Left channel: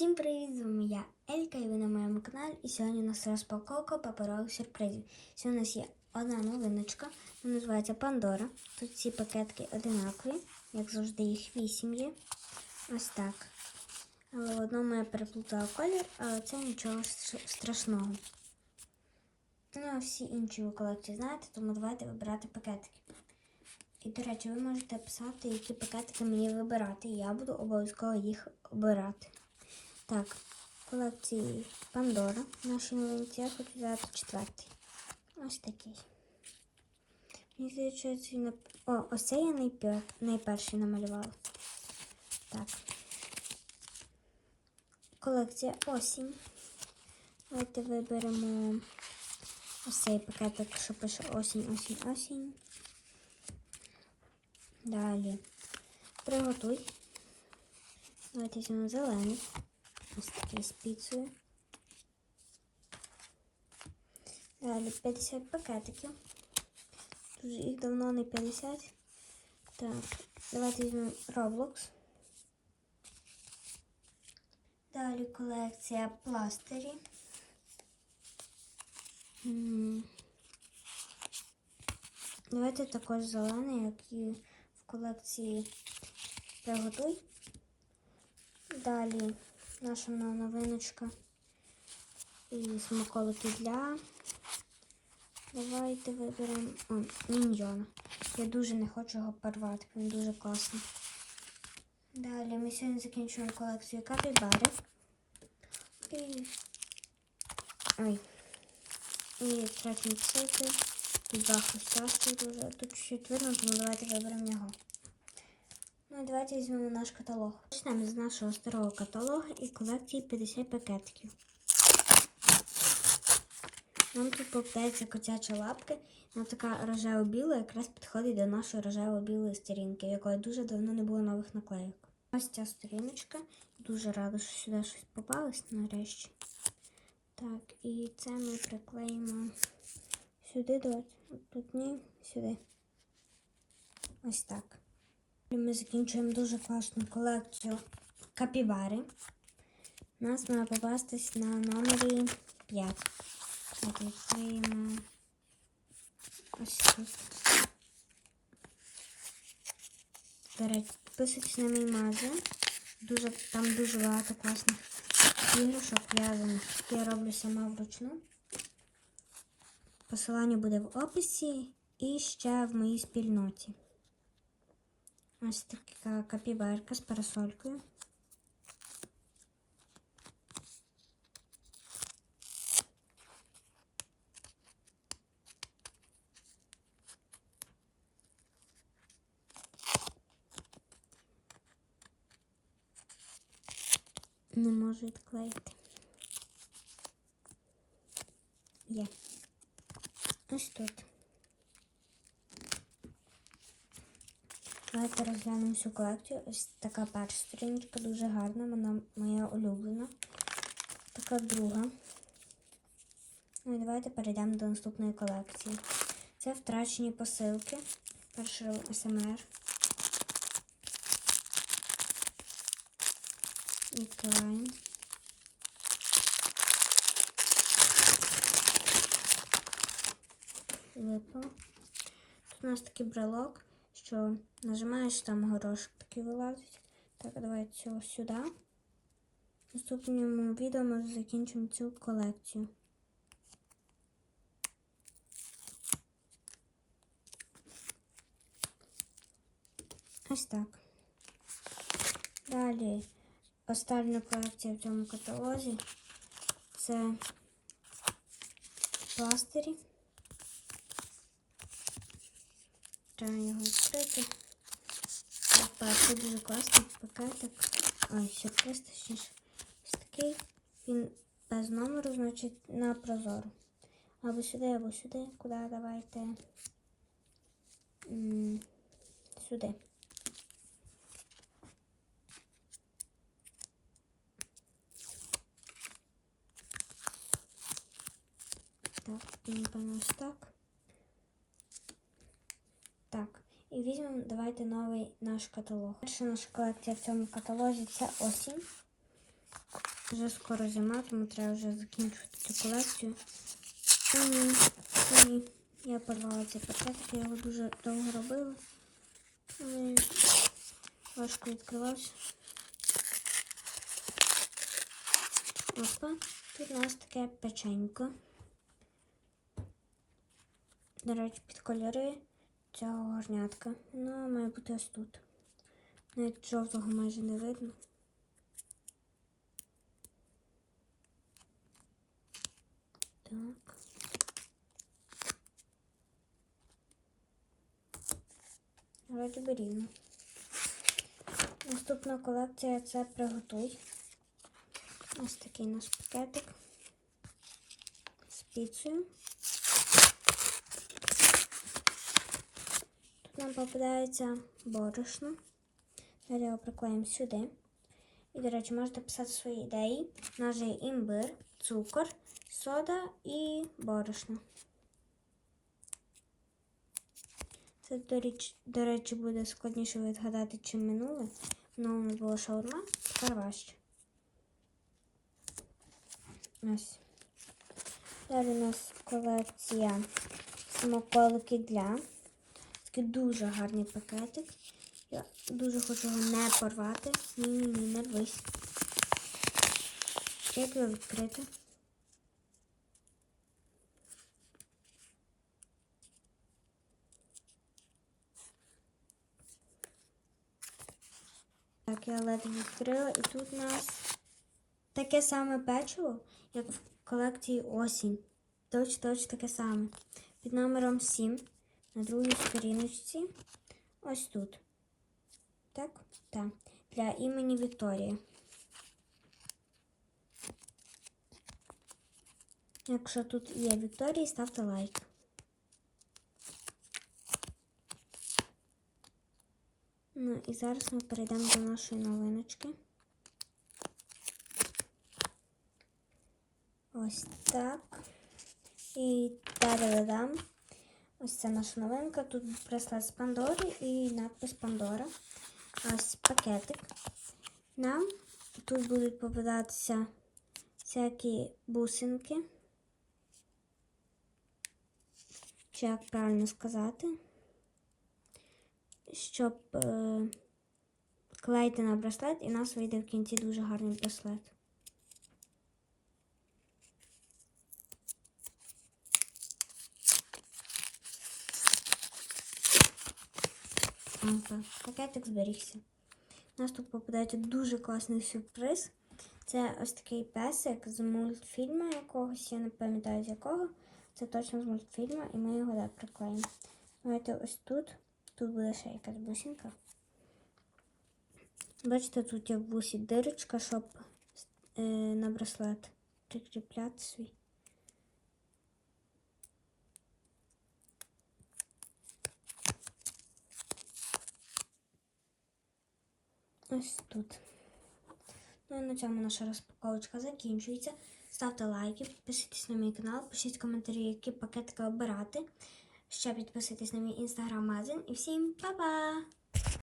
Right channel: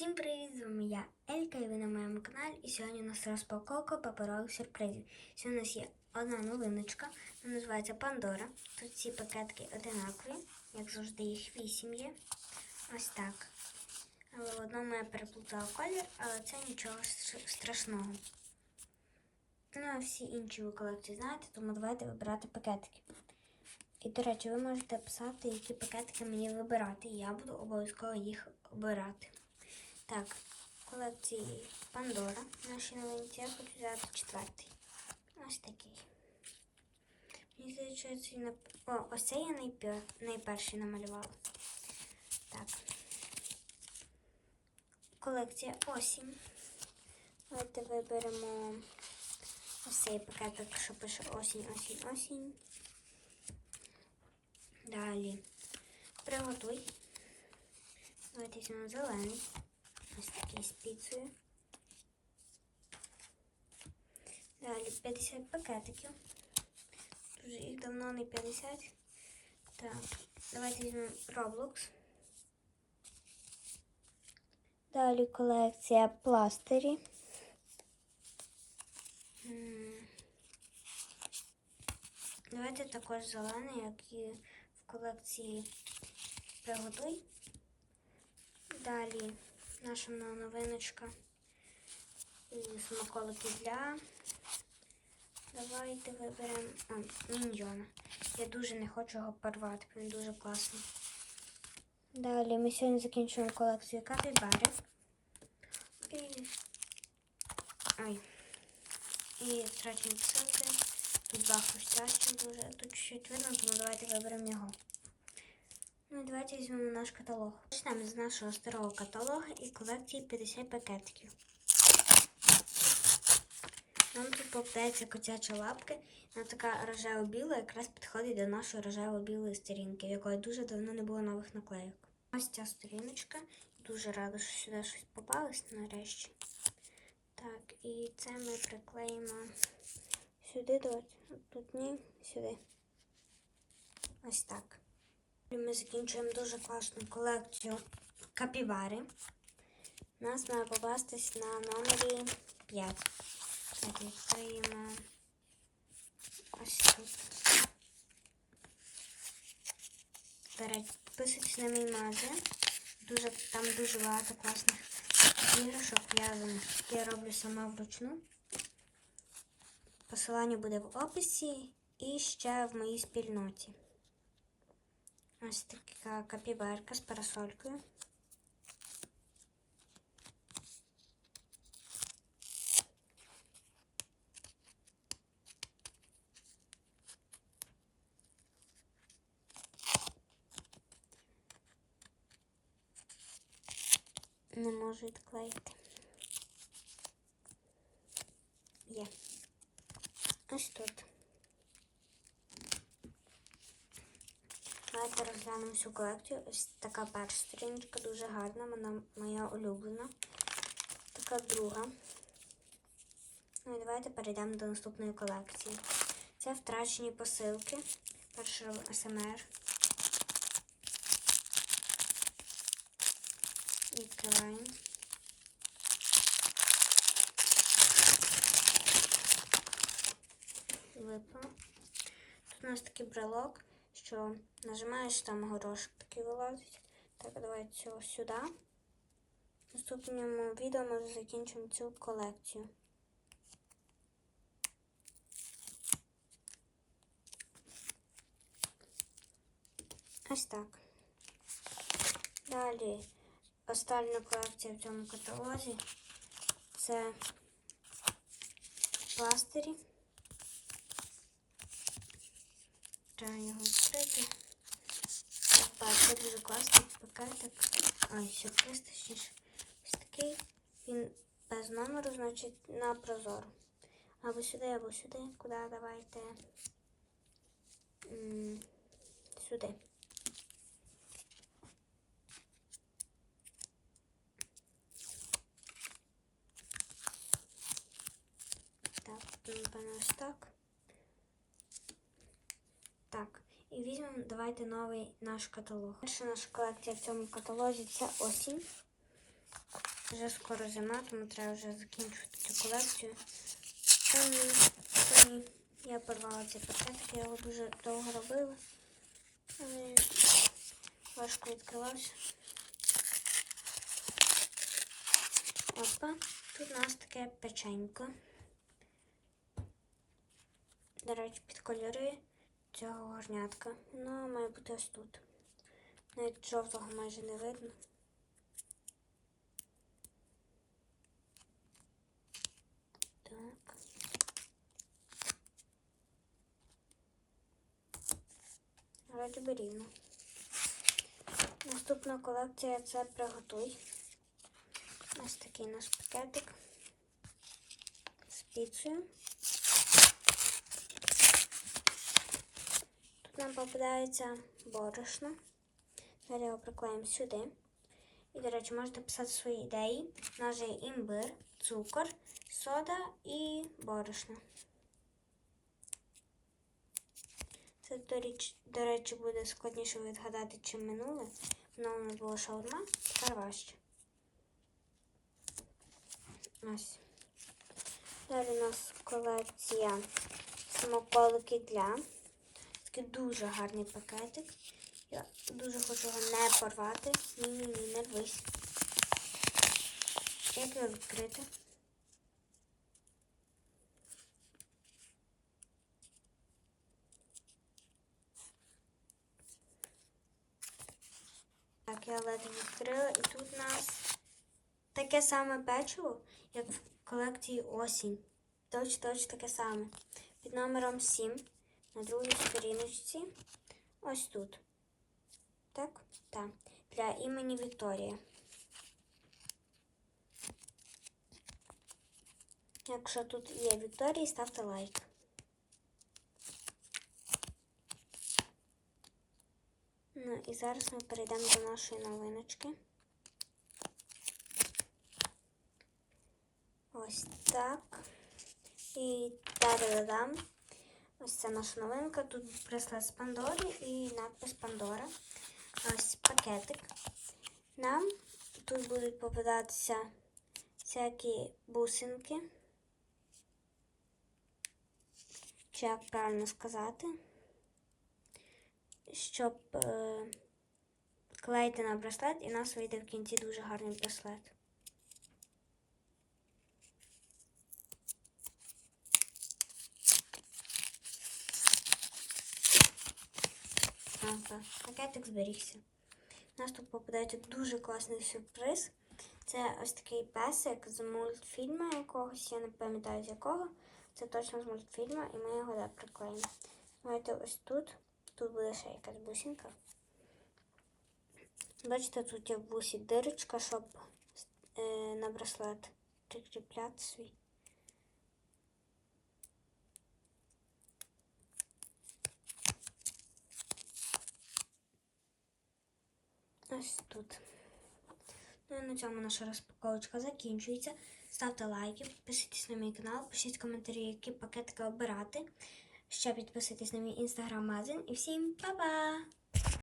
Всім привіт! З вами я Елька і ви на моєму каналі. І сьогодні у нас розпаковка паперових сюрпризів. Сьогодні у нас є одна новиночка, вона називається Пандора. Тут ці пакетки одинакові, як завжди, їх вісім є. Ось так. Але в одному я переплутала колір, але це нічого страшного. Ну, а всі інші ви колекції знаєте, тому давайте вибирати пакетики. І, до речі, ви можете писати, які пакетики мені вибирати. і Я буду обов'язково їх обирати. Так, колекції Пандора. Наші новинці. Я хочу взяти четвертий. Ось такий. Мені здається, що на... О, ось це я найпер... найперший намалювала. Так. Колекція осінь. Давайте виберемо ось цей пакетик, що пише осінь, осінь, осінь. Далі. Приготуй. Давайте візьмемо зелений. Ось такий з піцею. Далі 50 пакетиків. Тут їх давно не 50. Так, давайте візьмемо Roblox. Далі колекція пластирі. М. Давайте також зелений, як і в колекції Приготуй. Далі наша новиночка і смаколики для. Давайте виберемо а, міньйона. Я дуже не хочу його порвати, він дуже класний. Далі ми сьогодні закінчуємо колекцію капібари. І... Ой. І третій. Тут два хрустяшки дуже. Тут чуть видно, тому давайте виберемо його. Ну і давайте візьмемо наш каталог. Почнемо з нашого старого каталогу і колекції 50 пакетиків. Нам тут попадається котяча лапка. Вона така рожево-біла, якраз підходить до нашої рожево-білої сторінки, в якої дуже давно не було нових наклейок. Ось ця сторіночка. Дуже рада, що сюди щось попалось нарешті. Так, і це ми приклеїмо сюди, давайте. Тут ні, сюди. Ось так. Ми закінчуємо дуже класну колекцію капібари. У нас має попастись на номері 5. Так, відкриємо ось тут. Підписуйтесь на мій магазин. Дуже, там дуже багато класних іграшок в'язаних. Я роблю сама вручну. Посилання буде в описі і ще в моїй спільноті. Ось така капібарка з парасолькою. Не можу відклеїти. Є. Ось тут. Давайте розглянемо всю колекцію. Ось така перша сторіночка, дуже гарна, вона моя улюблена. Така друга. Ну і давайте перейдемо до наступної колекції. Це втрачені посилки. Перший СМР. Відкриваємо. Випав. Тут у нас такий брелок що нажимаєш там горошок такий вилазить. Так, давайте цього сюди. В наступному відео ми закінчимо цю колекцію. Ось так. Далі остання колекція в цьому каталозі це пластирі. Треба його відкрити. Так, це дуже класний пакетик. Ой, сюрприз, точніше. Ось такий. Він без номеру, значить, на прозоро. Або сюди, або сюди. Куди давайте? М сюди. Так, напевно, ось так. Так, і візьмемо, давайте новий наш каталог. Перша наша колекція в цьому каталозі це осінь. вже скоро зима, тому треба вже закінчувати цю колекцію. Я порвала цей пакетик, я його дуже довго робила. Важко відкривався. Опа, тут у нас таке печенько. До речі, під кольори цього горнятка. Воно має бути ось тут. Навіть жовтого майже не видно. Так. Вроді би. Наступна колекція це приготуй. Ось такий наш пакетик з піцею. Нам попадається борошно. Далі його приклеїмо сюди. І, до речі, можете писати свої ідеї. У нас є імбир, цукор, сода і борошно. Це, до речі, до речі, буде складніше відгадати, чим минуле. Минуле у нас було шаурма, тепер важче. Ось. Далі у нас колекція смаколики для. Такий дуже гарний пакетик. Я дуже хочу його не порвати. Ні-ні-ні, не рвись. Як його відкрити? Так, я ледве відкрила, і тут у нас таке саме печиво, як в колекції осінь. Точ, точ таке саме. Під номером 7 на другій сторіночці. Ось тут. Так? Так. Для імені Вікторія. Якщо тут є Вікторія, ставте лайк. Ну і зараз ми перейдемо до нашої новиночки. Ось так. І та-да-дам. Ось це наша новинка. Тут браслет з Пандори і надпис Пандора. Ось пакетик. Нам тут будуть попадатися всякі бусинки. Чи як правильно сказати? Щоб е, клеїти на браслет, і у нас вийде в кінці дуже гарний браслет. Ага, пакетик зберігся. У нас тут попадається дуже класний сюрприз. Це ось такий песик з мультфільму якогось, я не пам'ятаю з якого. Це точно з мультфільму, і ми його так приклеїмо. Знаєте, ось тут. Тут буде ще якась бусинка. Бачите, тут є в бусі дирочка, щоб е, на браслет прикріпляти свій. Ось тут. Ну і на цьому наша розпаковочка закінчується. Ставте лайки, підписуйтесь на мій канал, пишіть коментарі, які пакетики обирати. Ще підписуйтесь на мій інстаграм-магазин. І всім па-па!